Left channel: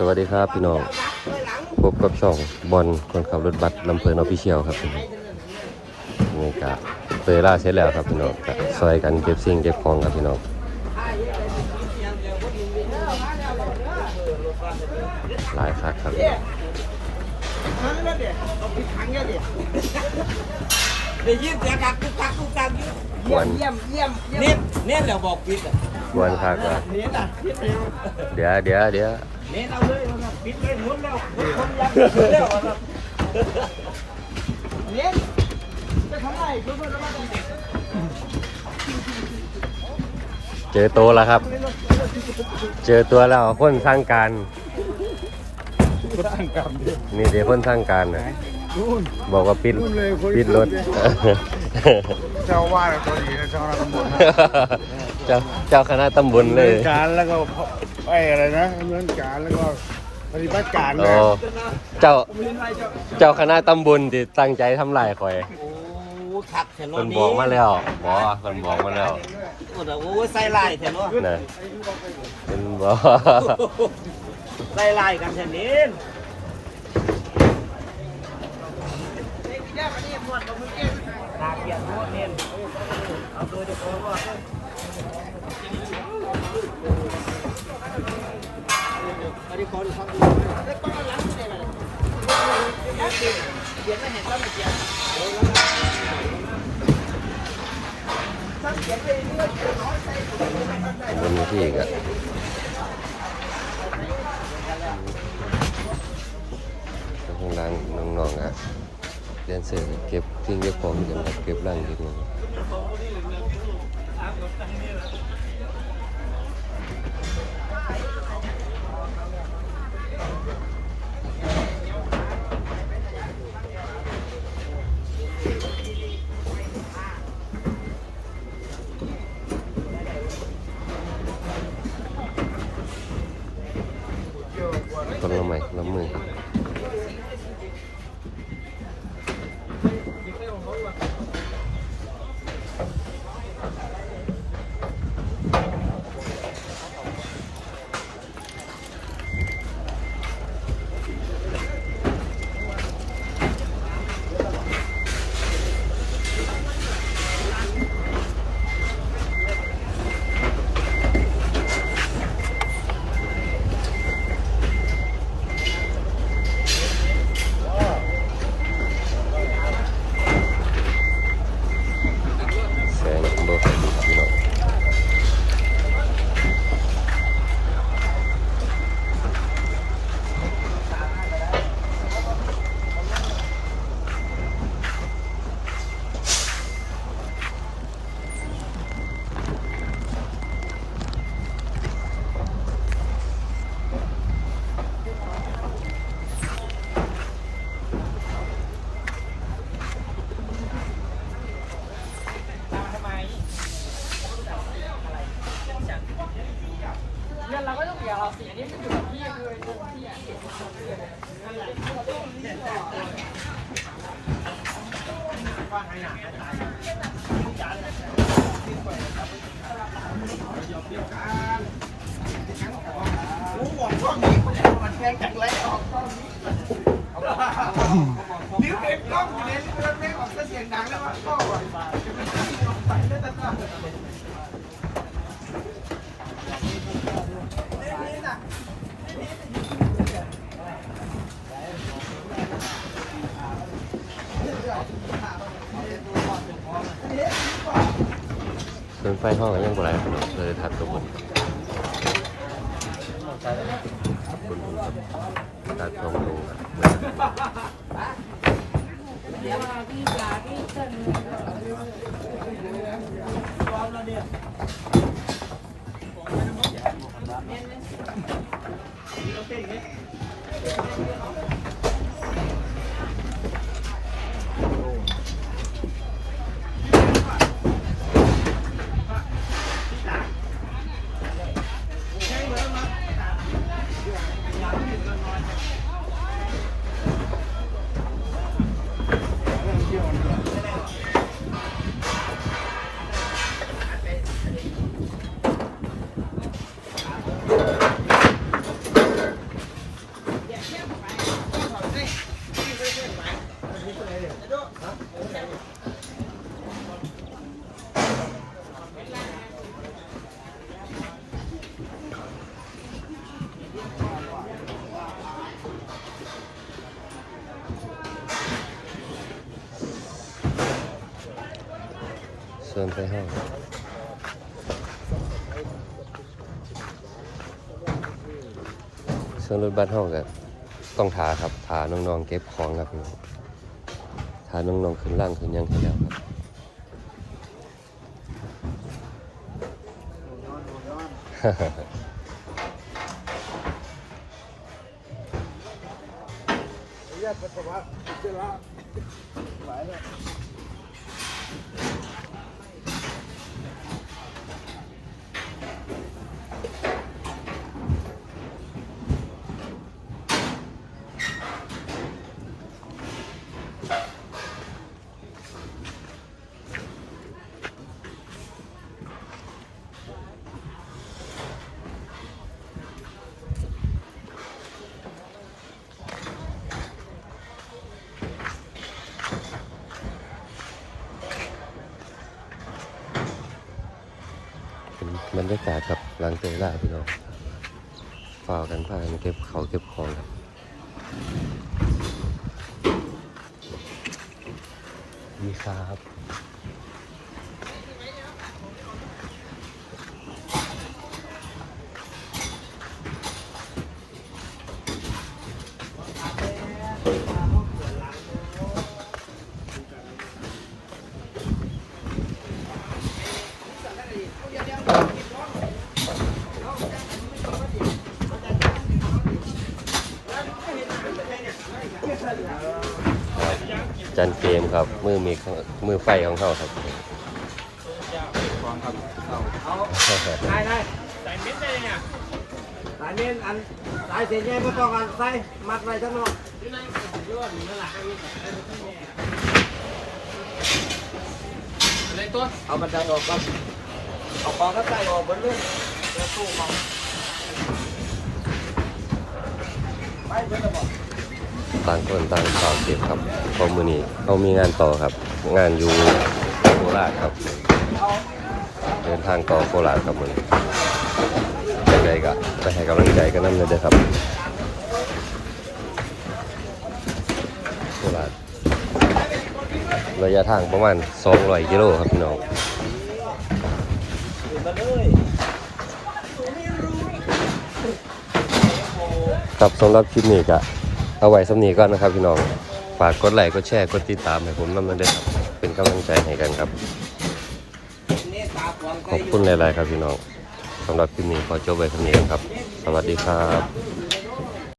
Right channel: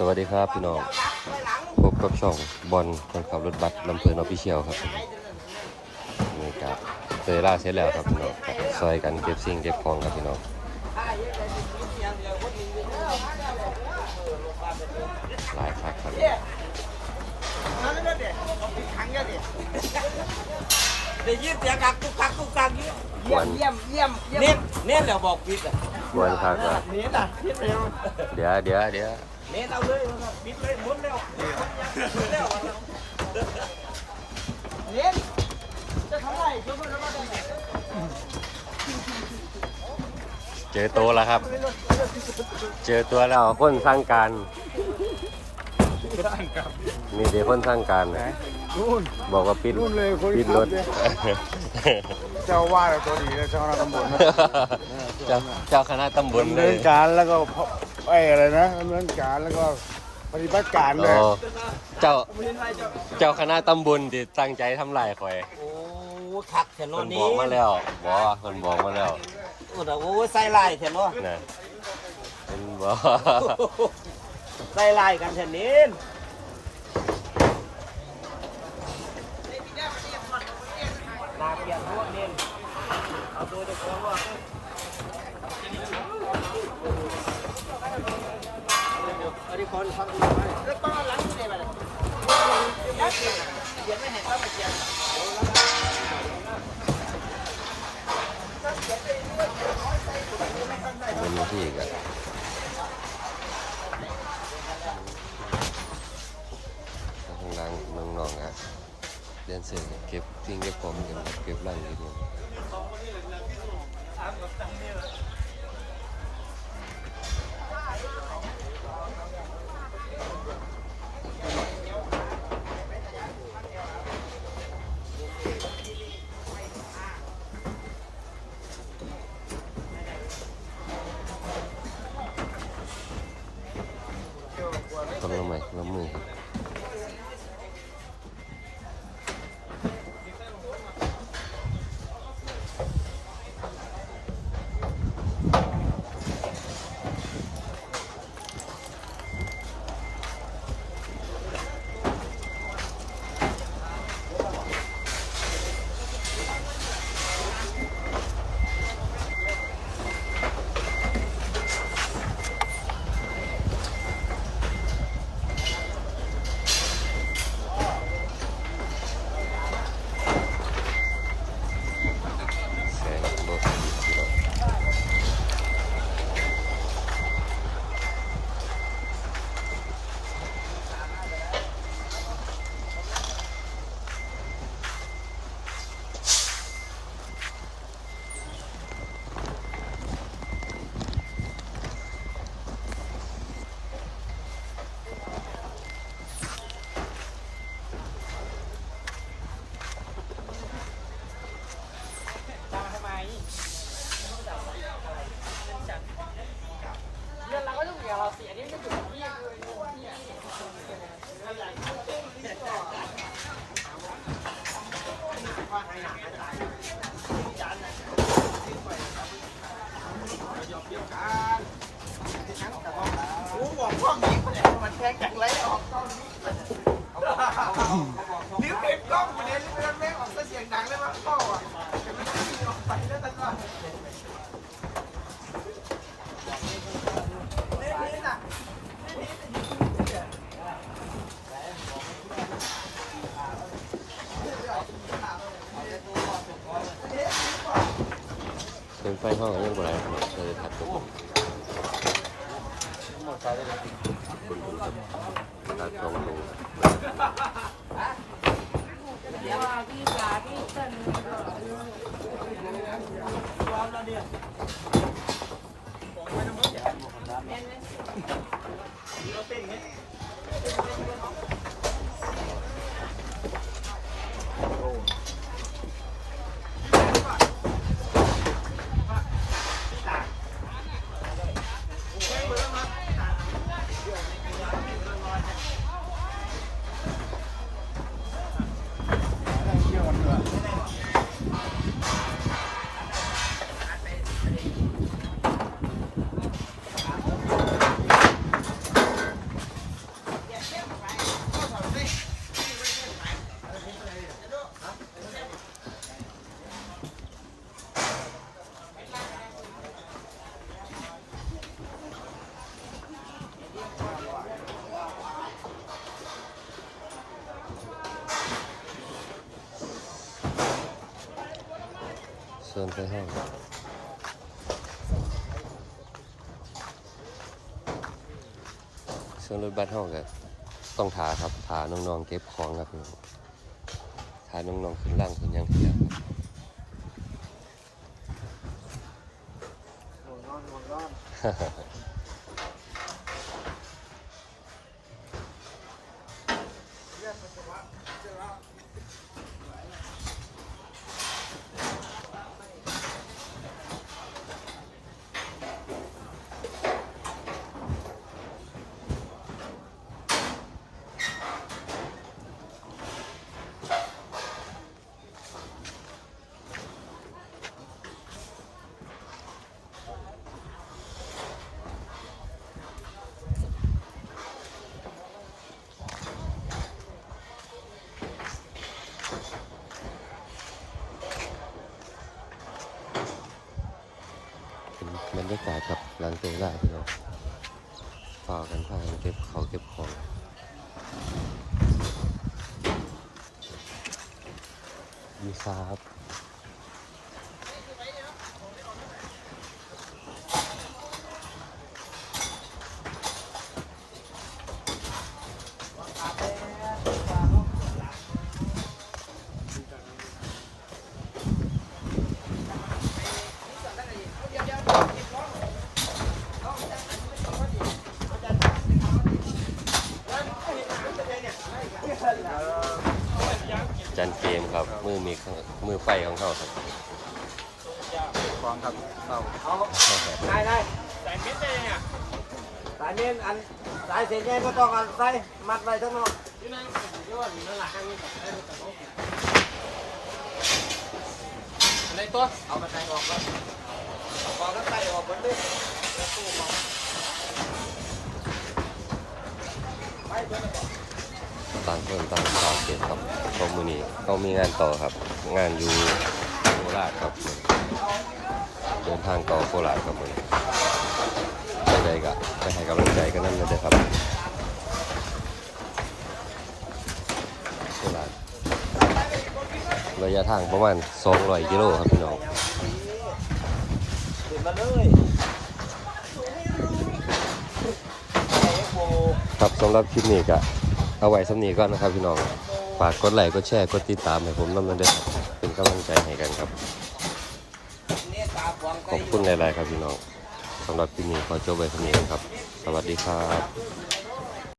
สวัสดีครับพี่น้อง พบกับช่องบอลคนขับรถบัสลำเพลินออฟฟิเชียลครับนี่กะเตยล่าเสร็จแล้วครับพี่น้องกะซอยกันเก็บสิ่งเก็บของครับพี่น้องหลายคักครับนั่นนั่นเด็กเราปิดขังกันดิเดี๋ยวยืดเสียงกักกุกกักกุกกักเยี่ยมเยี่ยมเยี่ยมเยี่ยมเน้นเน้นแล้วบอกปิดอะ บอลคักครับเน้นอะปิดเร็วเดี๋ยวเดี๋ยวเดี๋ยวเน้นเอาเลยปิดเลยหมุนแล้วหมุนคนยักเร็วเน้นจะทำไมเพื่อนเพื่อนมาตรงนี้เจอตัวแล้วครับ เจอตัวแล้วคนสร้างการร่างกรรมนี่เดี๋ยวคนสร้างการนะนู่นบอกว่าปิดนู่นเลยคนปิดรถ เจ้าว่าตัวนี้ในซอยตำบลเจ้าเจ้าคณะตำบลเลเมืยองการแล้วก็ไอ้อะไรนะเมืองการแล้วก็ปฏิบัติการโอ้เนี่ยเจ้าเห็นไรเจ้าเจ้าคณะตำบลที่ตั้งใจทำลายข่อยโอ้ขักแถวเพิ่นบนี้อกมาแล้วบอกเพิ่นบอกมาแล้วโอ้โหใส่ลายแถวนี้นะเพิ่นบอกใส่ลายกันแถวนี้ตาเกียร์หัวเน้น อันนี้คนฟังดูไหมแล้ วต้อนหลังนี่ไหมยักษ์เขียนไม่เห็นต้องเขียนบนที่อีกอะ เสร็จเก็บทิ้งเก็บของอยู่ครับเก็บร่างอยู่นี่ค นี้มันแข่งกันไรออกกล้องนี้นิ้วเต็มกล้องอยู่เลยนิ้วเต็มออกเสียงดังเลยว่ากล้องอะจะไม่ได้ออกไปแล้วแต่ก็นี่น่ะส่ว นไฟห้องยังบ่ไรพี่น้องเลยถัดตัวผมถัดตรงดูความ ชิญไปห้องเชิญรถบัสห้องกันต้องถาครับถาน้องๆเก็บของครับพี่น้องถาน้องๆขึ้นล่างขึ้นยังให้แล้วครับเรียกเป็นสภาพเจ้าละหลายเนี่ย บรรยากาศครับหลังเตยล่าพี่น้องฝ่ากันพากันเก็บเขาเก็บของครับมีครับ จันเกมครับ มือมีของมือไฟของเขาครับของครับเอาได้ได้ใส่เม็ดได้เนี่ยสายเม็ดอันสายเสียงไงก็ต้องอันใส่มัดไว้ทั้งนอกในต้นเอาบันไดออกก่อนเอาปอกก็ใส่ออกบนนี้ ต่างคนต่างต่อเก็บครับเพราะมือนี้เขามีงานต่อครับ งานอยู่โคราชครับ เดินทางต่อโคราชครับมือใจก็ไปให้กำลังใจกันนั่นเลยเด้อครับโคราชระยะทางประมาณ200กิโลครับพี่น้องครับสำหรับคลิปนี้ก็ เอาไว้สำนีก่อนนะครับพี่น้องฝากกดไลค์กดแชร์กดติดตามให้ผมนำมาด้วยครับเป็นกำลังใจให้กันครับขอบคุณหลายๆครับพี่น้องสำหรับคลิปนี้ขอจบไว้สำนีครับ สวัสดีครับ